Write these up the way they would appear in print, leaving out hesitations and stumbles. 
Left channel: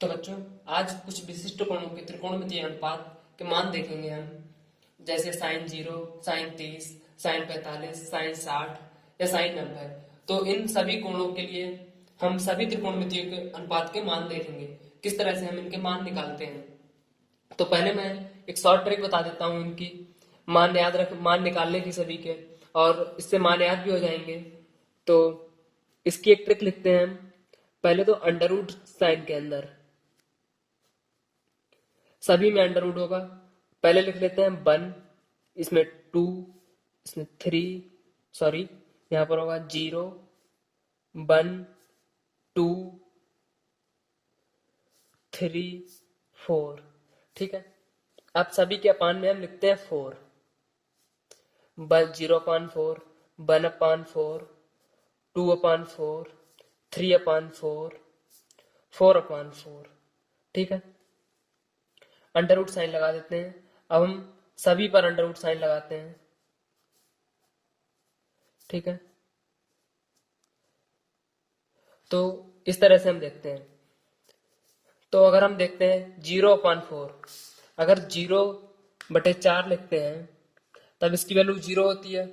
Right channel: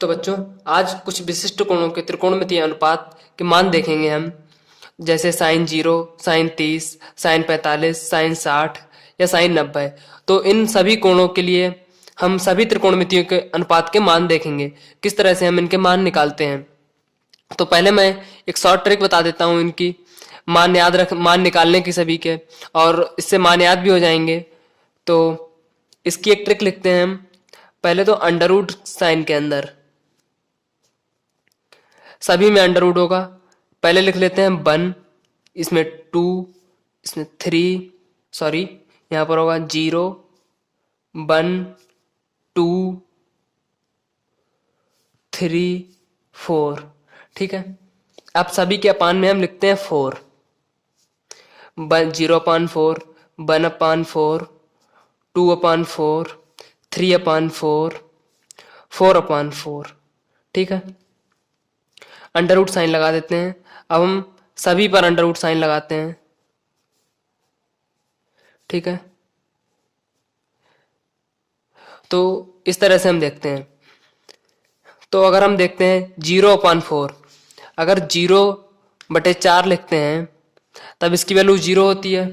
तो बच्चों, आज कुछ विशिष्ट कोणों के त्रिकोणमितीय अनुपात के मान देखेंगे हम। जैसे साइन 0, साइन 30, साइन 45, साइन 60 या साइन 90। तो इन सभी कोणों के लिए हम सभी त्रिकोणमितियों के अनुपात के मान देखेंगे, किस तरह से हम इनके मान निकालते हैं। तो पहले मैं एक शॉर्ट ट्रिक बता देता हूँ इनकी, मान निकालने की सभी के, और इससे मान याद भी हो जाएंगे। तो इसकी एक ट्रिक लिखते हैं हम। पहले तो अंडर रूट साइन के अंदर सभी में अंडर रूट होगा। पहले लिख लेते हैं 1, इसमें 2, इसमें 3, सॉरी यहाँ पर होगा 0, 1, 2, 3, 4। ठीक है, अब सभी के अपान में हम लिखते हैं 4। 0/4, 1/4, 2/4, 3/4, 4/4। ठीक है, अंडर रूट साइन लगा देते हैं। अब हम सभी पर अंडर रूट साइन लगाते हैं। ठीक है, तो इस तरह से हम देखते हैं। तो अगर हम देखते हैं 0/4, अगर 0/4 लिखते हैं तब इसकी वैल्यू 0 होती है।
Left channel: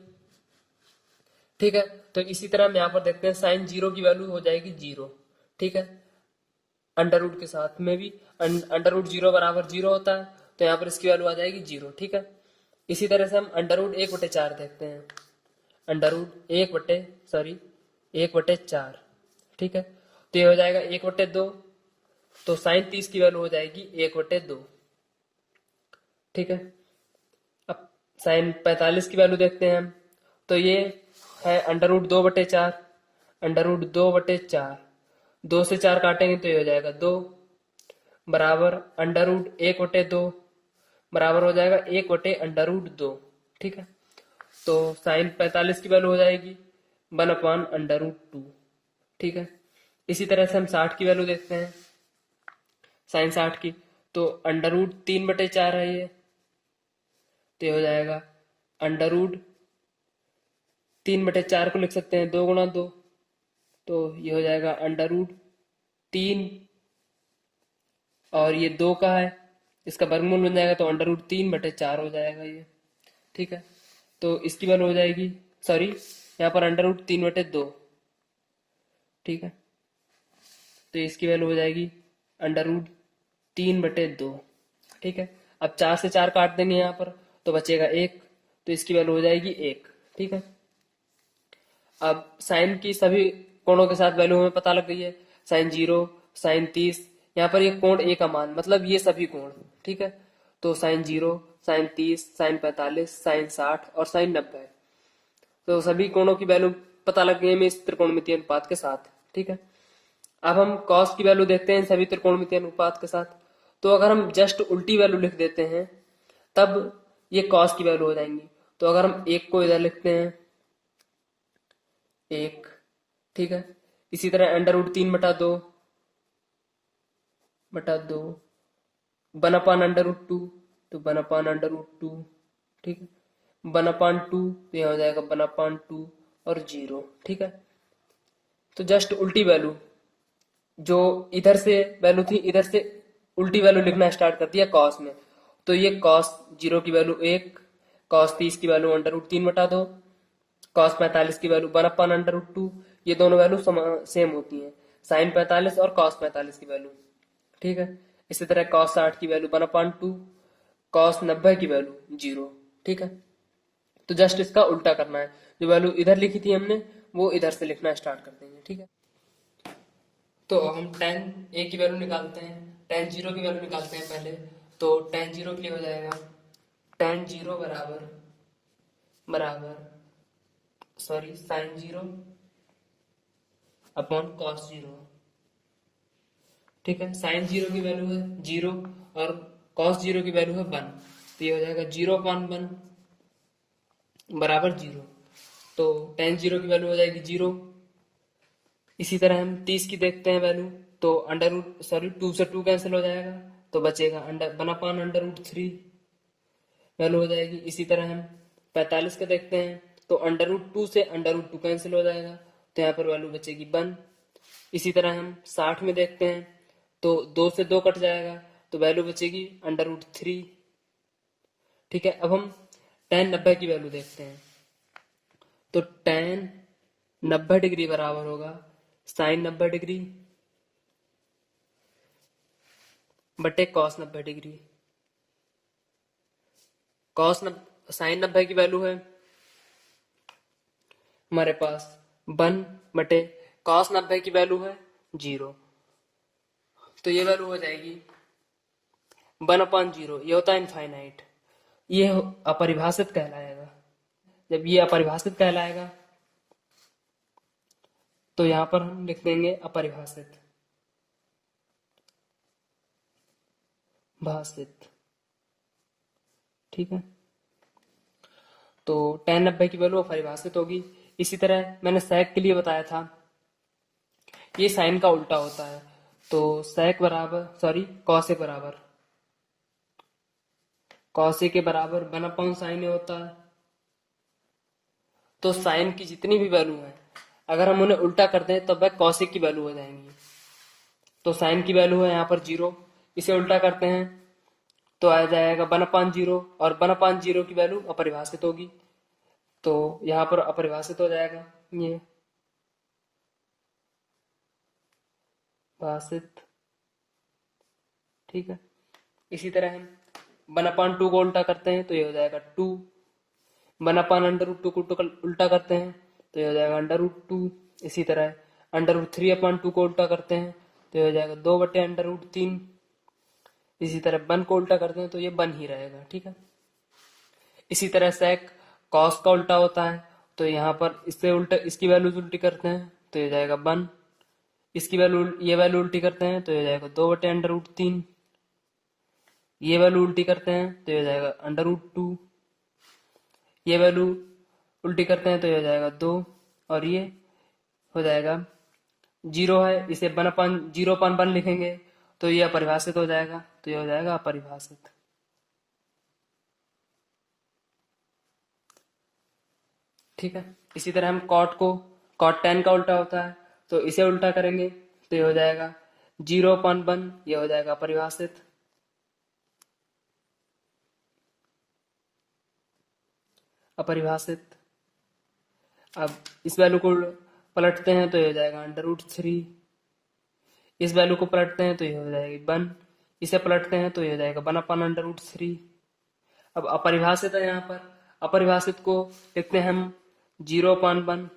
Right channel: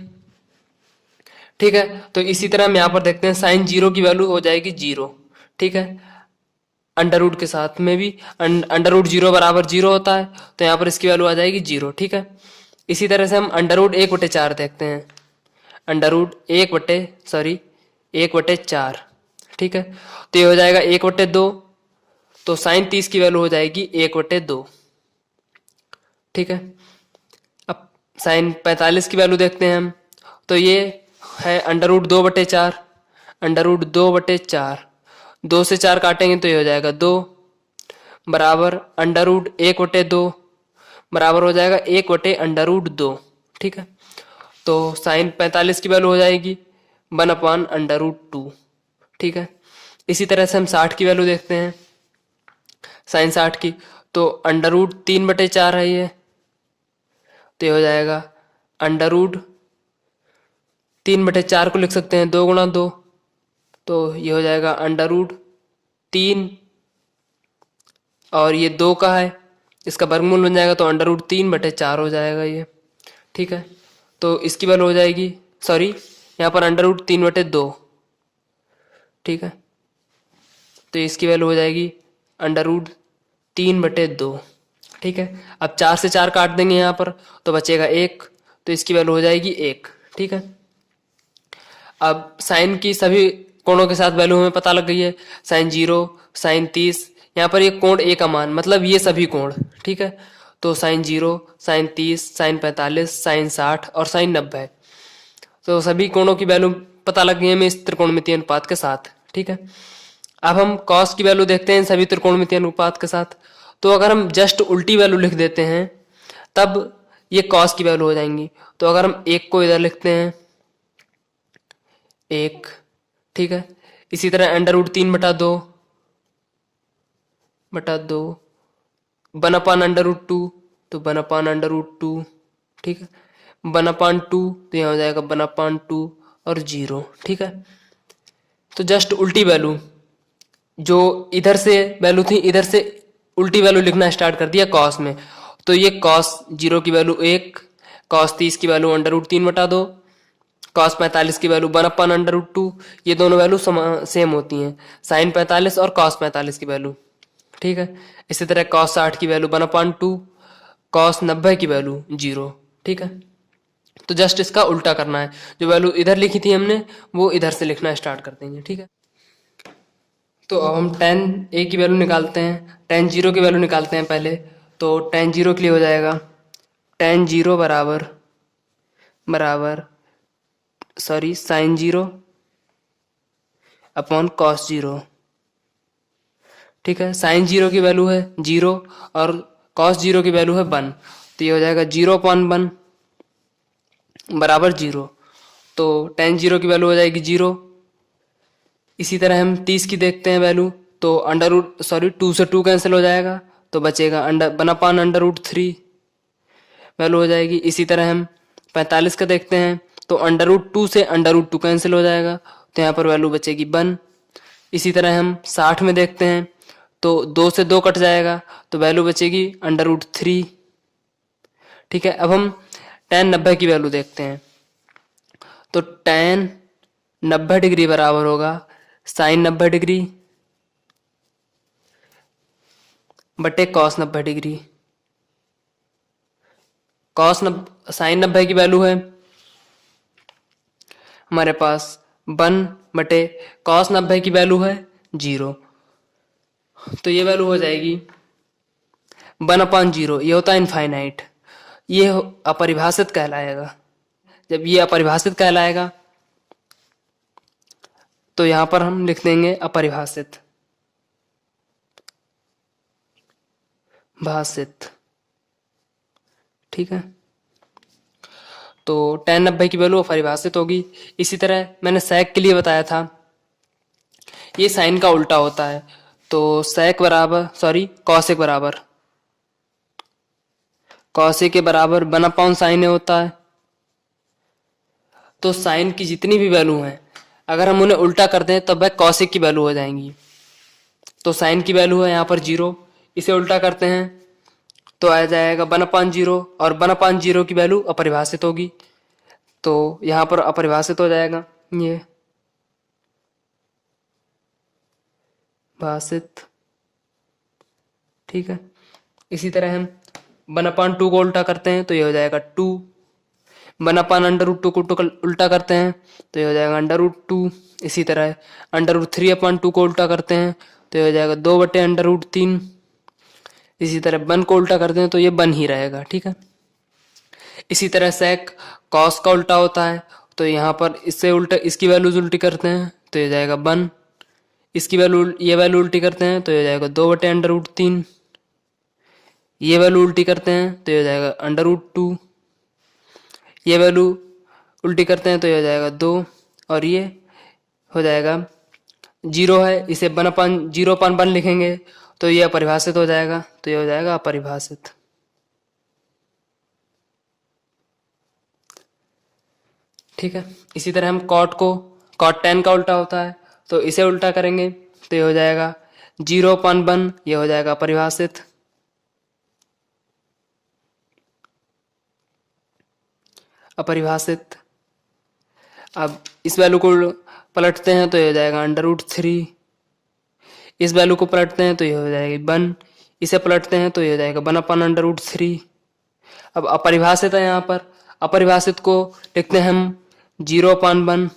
ठीक है, तो इसी तरह हम यहाँ पर देखते हैं साइन 0 की वैल्यू हो जाएगी 0। ठीक है, अंडर रूट के साथ में भी अंडर रूट 0 बराबर 0 होता है, तो यहाँ पर इसकी वैल्यू आ जाएगी 0। ठीक है, इसी तरह से हम अंडर रूट 1/4 देखते हैं। Under root 1/4। ठीक है, तो ये हो जाएगा 1/2। तो साइन 30 की वैल्यू हो जाएगी 1/2। ठीक है, अब साइन 45 की वैल्यू देखते हैं हम। तो ये है अंडर रूट 2/4। अंडर रूट 2/4, 2 से 4 काटेंगे तो ये हो जाएगा 2, बराबर अंडर रूट 1/2, बराबर हो जाएगा 1/√2। ठीक है, तो साइन 45 की वैल्यू हो जाएगी 1/√2। ठीक है, इसी तरह से हम 60 की वैल्यू देखते हैं। साइन 60 की, तो अंडर रूट 3/4 है ये, तो ये हो जाएगा अंडर रूट 3/4 को लिख सकते हैं 2 गुणा 2, तो ये हो जाएगा अंडर रूट 3, और ये 2 का है, इसका वर्गमूल बन जाएगा तो अंडर रूट 3/4 हो जाएगा ये। ठीक है, तो इसकी वैल्यू हो जाएगी, सॉरी यहाँ पर अंडर रूट 3/2। ठीक है, तो इसकी वैल्यू हो जाएगी अंडर रूट 3/2। ठीक है, अब 4 से 4 काट देंगे यहाँ पर तो बचेगा 1, तो इसकी वैल्यू हो जाएगी 1। ठीक है, अब साइन की सभी कोणों के साथ वैल्यू हमें पता लग गई है। साइन 0, साइन 30, यहाँ पर ये कोण ए का मान, मतलब ये सभी कोण। ठीक है, तो साइन 0, साइन 30, साइन 45, साइन 60 और साइन 90। तो सभी कोणों की वैल्यू पता लग गई है हमें इस त्रिकोणमितीय अनुपात के साथ। ठीक है, अब हम कॉस की वैल्यू देखते हैं सभी त्रिकोणमितीय अनुपात के साथ। तो अगर हम जस्ट उल्टी वैल्यू लिख देते हैं तब ये कॉस की वैल्यू हो जाएंगी। तो अगर हम 1 को इधर लिखते हैं 1। ठीक है, इसी तरह अंडर रूट 3/2 1/√2, तो 1/√2। ठीक है, 1/2 तो यहाँ हो जाएगा 1/2 और 0। ठीक है, तो जस्ट उल्टी वैल्यू, जो इधर से वैल्यू थी इधर से उल्टी वैल्यू लिखना स्टार्ट कर दिया कॉस में। तो ये कॉस 0 की वैल्यू 1, कॉस 30 की वैल्यू अंडर रूट 3/2, कॉस 45 की वैल्यू 1/√2। ये दोनों वैल्यू सेम होती हैं, साइन 45 और कॉस 45 की वैल्यू। ठीक है, इसी तरह कॉस 60 की वैल्यू 1/2, कॉस 90 की वैल्यू 0। ठीक है, तो जस्ट इसका उल्टा करना है, जो वैल्यू इधर लिखी थी हमने वो इधर से लिखना स्टार्ट कर देंगे। ठीक है, तो अब हम tan a की वैल्यू निकालते हैं, tan 0 की वैल्यू निकालते हैं पहले। तो tan 0 के लिए हो जाएगा tan 0 बराबर बराबर सॉरी साइन 0 अपॉन कॉस 0। ठीक है, साइन 0 की वैल्यू है 0 और कॉस 0 की वैल्यू है 1, तो ये हो जाएगा 0/1 बराबर 0। तो tan 0 की वैल्यू हो जाएगी 0। इसी तरह हम 30 की देखते हैं वैल्यू, तो अंडर रूट 2 से 2 कैंसिल हो जाएगा, तो बचेगा 1/√3 वैल्यू हो जाएगी। इसी तरह हम 45 का देखते हैं, तो अंडर रूट 2 से अंडर रूट 2 कैंसिल हो जाएगा, तो यहाँ पर वैल्यू बचेगी 1। इसी तरह हम 60 में देखते हैं, तो 2 से 2 कट जाएगा तो वैल्यू बचेगी √3। ठीक है, अब हम tan 90 की वैल्यू देखते हैं। तो tan 90 डिग्री बराबर होगा sin 90 डिग्री बटे cos 90 डिग्री। sin 90 की वैल्यू है हमारे पास 1 बटे cos 90 की वैल्यू है 0। तो ये वैल्यू हो जाएगी 1/0। ये होता है इनफाइनाइट, ये अपरिभाषित कहलाएगा। जब ये अपरिभाषित कहलाएगा तो यहां पर हम लिख देंगे अपरिभाषित भाषित। ठीक है, तो tan 90 की वैल्यू अपरिभाषित होगी। इसी तरह मैंने sec के लिए बताया था, ये साइन का उल्टा होता है। तो sec बराबर cosec बराबर cosec के बराबर 1/sin होता है। तो साइन की जितनी भी वैल्यू हैं अगर हम उन्हें उल्टा कर दें तब वह cosec की वैल्यू हो जाएंगी। तो साइन की वैल्यू है यहाँ पर 0, इसे उल्टा करते हैं तो आ जाएगा 1/0 और 1/0 की वैल्यू अपरिभाषित होगी। तो यहाँ पर अपरिभाषित हो जाएगा ये भाषित। ठीक है, इसी तरह हम 1/2 को उल्टा करते हैं तो ये हो जाएगा 2। 1/√2 को उल्टा करते हैं तो ये हो जाएगा √2। इसी तरह √3/2 को उल्टा करते हैं तो ये हो जाएगा 2/√3। इसी तरह 1 को उल्टा करते हैं तो ये 1 ही रहेगा। ठीक है, इसी तरह sec cos का उल्टा होता है तो यहाँ पर इससे उल्टा इसकी वैल्यूज उल्टी करते हैं तो ये जाएगा 1। इसकी वैल्यू ये वैल्यू उल्टी करते हैं तो ये जाएगा 2/√3। ये वैल्यू उल्टी करते हैं तो ये जाएगा √2। ये वैल्यू उल्टी करते हैं तो ये हो जाएगा 2 और ये हो जाएगा 0 है, इसे 1/0/1 लिखेंगे तो ये अपरिभाषित हो जाएगा। तो ये हो जाएगा अपरिभाषित। ठीक है, इसी तरह हम cot tan का उल्टा होता है तो इसे उल्टा करेंगे तो ये हो जाएगा 0/1। ये हो जाएगा अपरिभाषित। अपरिभाषित। अब इस वैल्यू को पलटते हैं तो ये हो जाएगा √3। इस वैल्यू को पलटते हैं तो ये हो जाएगी 1। इसे पलटते हैं तो ये हो जाएगा 1/√3। अब अपरिभाषित है, यहाँ पर अपरिभाषित को लिखते हैं हम 0/1।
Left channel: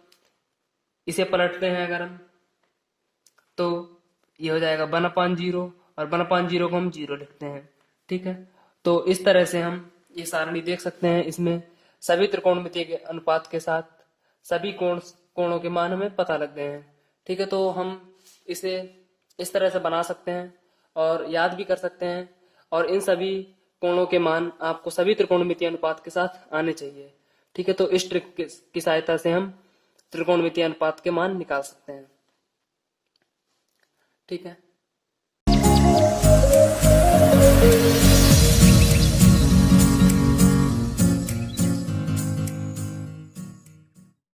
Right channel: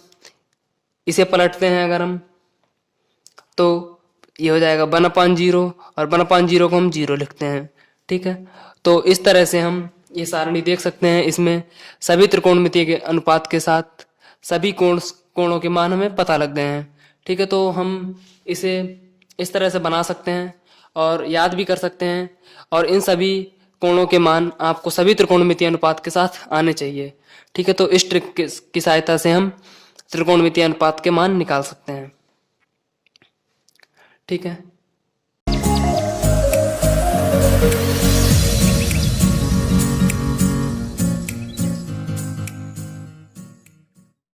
इसे पलटते हैं अगर हम तो ये हो जाएगा 1/0 और 1/0 को हम 0 लिखते हैं। ठीक है, तो इस तरह से हम ये सारणी देख सकते हैं। इसमें सभी त्रिकोणमितीय के अनुपात के साथ सभी कोणों के मान हमें पता लग गए हैं। ठीक है, तो हम इसे इस तरह से बना सकते हैं और याद भी कर सकते हैं। और इन सभी कोणों के मान आपको सभी त्रिकोणमितीय अनुपात के साथ आने चाहिए। ठीक है, तो इस ट्रिक की सहायता से हम त्रिकोणमितीय अनुपात के मान निकाल सकते हैं। ठीक है।